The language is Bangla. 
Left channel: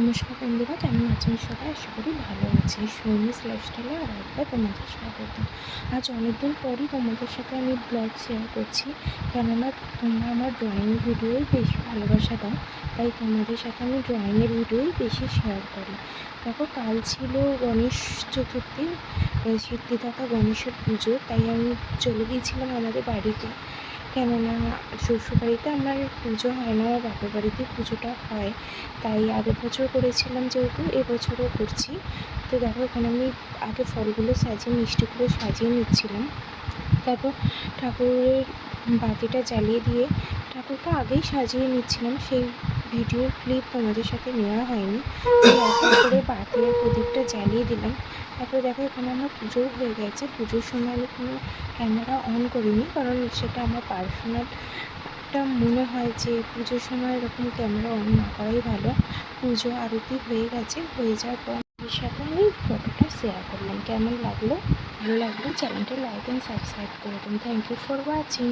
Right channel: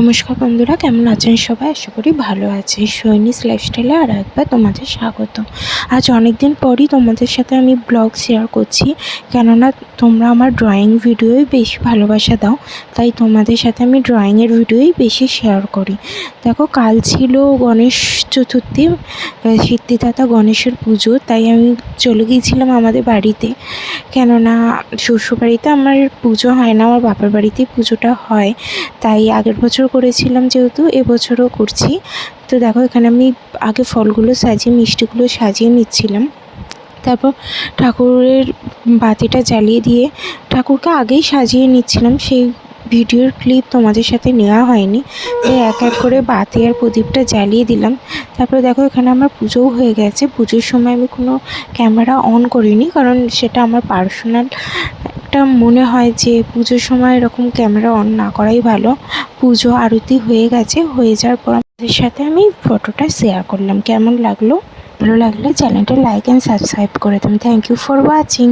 নমস্কার বন্ধুরা, কেমন আছেন সবাই? আশা করি ভালো আছে। সৈনিস লাইফস্টাইলে আর একবার তোমাদের স্বাগত। আজ অনেক দিন পরই তোমাদের সাথে আমি ব্লগ শেয়ার করছি, কেননা তোমরা আমার ড্রয়িং ভিডিওই বেশি ভালোবাসা দাও, তাই তোমাদের সাথে আমি ড্রয়িংয়ের ভিডিওই বেশি শেয়ার করি। দেখো, কাল ছিল গণেশ চতুর্থী, সিদ্ধিদাতা গণেশের পুজো, তাই আমি চলে গিয়েছিলাম আমাদের বাড়িতে। কেননা শ্বশুরবাড়িতে আমার পুজো হয় না, আমার বাবার বাড়িতেই পুজোটা হয়। তাই আগের বছর করেছিলাম যেহেতু, এবছরও করছি। তো দেখো, এখানে আমি আগে ফলগুলো সাজিয়ে, মিষ্টিগুলো সাজিয়ে নিচ্ছিলাম। তারপর ঠাকুরের বাতিটা জ্বালিয়ে দিয়ে ঠাকুরকে আগেই সাজিয়ে নিচ্ছিলাম। সেই ভিডিওর ক্লিপ তোমাদের সাথে নেওয়া হয়নি, তাই এক এক করে বাতি আর প্রদীপটা জ্বালিয়ে দিলাম। তারপরে দেখো, এখানে আমার পুজোও হয়ে গেছে। পুজোর সময় আমি কোনো ক্যামেরা অন করিনি, কারণ সেটা আমার পার্সোনাল একটা মনে হয় যে পুজোর সময় এরকম ক্যামেরা অন না করাই ভালো। পুজো আরতি হয়ে গেছে, হয়ে যাওয়ার পর আপনাদের সাথে আমি ফটোটা শেয়ার করলাম। কেমন লাগলো? ভালো লাগলে চ্যানেলটা লাইক অ্যান্ড সাবস্ক্রাইব করে দেবেন। Thank you for watching.